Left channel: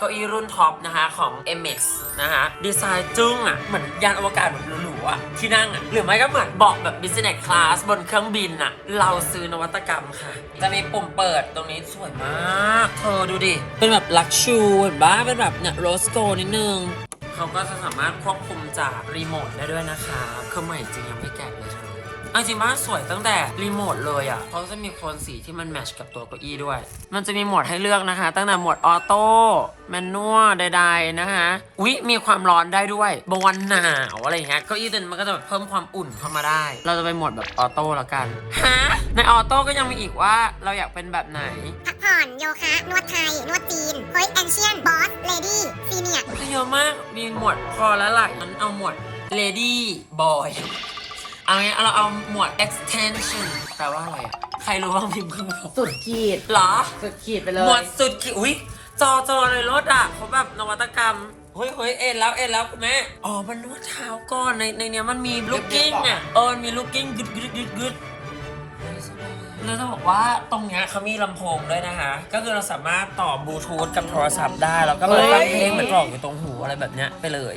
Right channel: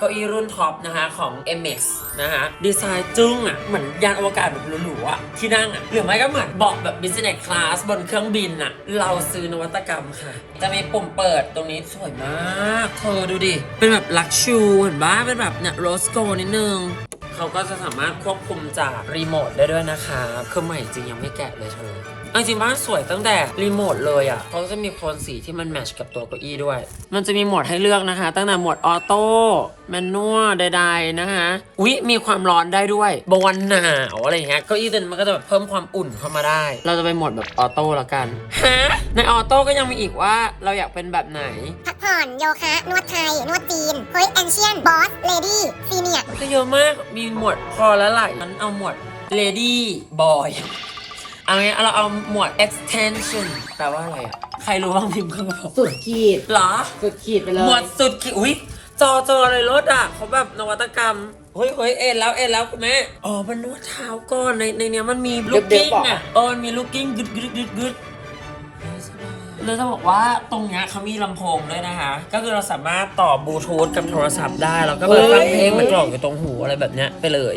เก้าอี้รุ่นท็อปนะคะของ MX นะคะดีไซน์จึ้งอะ เหมือนยานอวกาศแบบหรูๆอะ ที่นั่งอะ หรือไม่ก็เหมือนเบอกแบบ business class บนเครื่องบินอะ เราซื้อนวัตกรรมค่ะ จะมีปุ่มเปิดตรงนี้สวยมากเธอดูดิ เป็นแบบลักชูเห็นปะเป็นแบบเนี่ยโรสโกนิดนึงเขาก็จะสามารถควบคุมจากรีโมทได้ด้วยนะคะคือใหม่จริงยังไม่แกะเลยเธอจริงบ้านสวยตั้งแต่รีโมทเลยอะเขาจะมีโทนสีที่มันแมทช์กับตัวเก้าอี้ด้วย มันจะมีโหมดให้เลือกนะคะ ตั้งแต่โหมดออโต้ แมนนวลใดๆนะคะวิมีความร้อนได้ด้วยบางวันหนาวอะไรอย่างเงี้ยเก้าอี้ตัวนี้มันก็จะแบบเพิ่มความอุ่นเข้ามาได้ เราจะไปโหมดแบบออโต้ละกันฮะในออโต้ก็ยังมีอีกว่าเราอยากเป็นแบบไหนพักผ่อนโยคะ นวดไทย นวดจีนเฮ้ยแอนเชียนบอสเลดี้ซีเนียก็เยอะมากมีหมวดพอแล้วไหลมันเอาหมวด lady boy เอางี้เราเอาหมวด extension แปลว่าอะไรอะ ใครรู้บ้างพิมพ์เข้ามาบอกสุดขีดเหรอ สุดขีดไปเลย หมวดสุดขีด อุ้ย จอจอเลยรถอะเขาแบบนวัตกรรมเฮ้ยเฮ้ยเอ็นแล้วเอ็นแล้วคุณแม่ อ๋อ มันนวดเท้าก่อนในในเนี้ยมันมีลูกกิ้งอะเออมันมีลูกกิ้งกึดกึดกึดกึดเลยจะบอกว่าตรงเนี้ยเขามีลำโพงด้วยนะคะ ก็คือเราสามารถต่อบลูทูธกับโทรศัพท์ได้ แล้วก็เปิดฟังเพลงเหมือนกล่องอยู่ตรงหูอะไรแบบเนี้ยไปเลย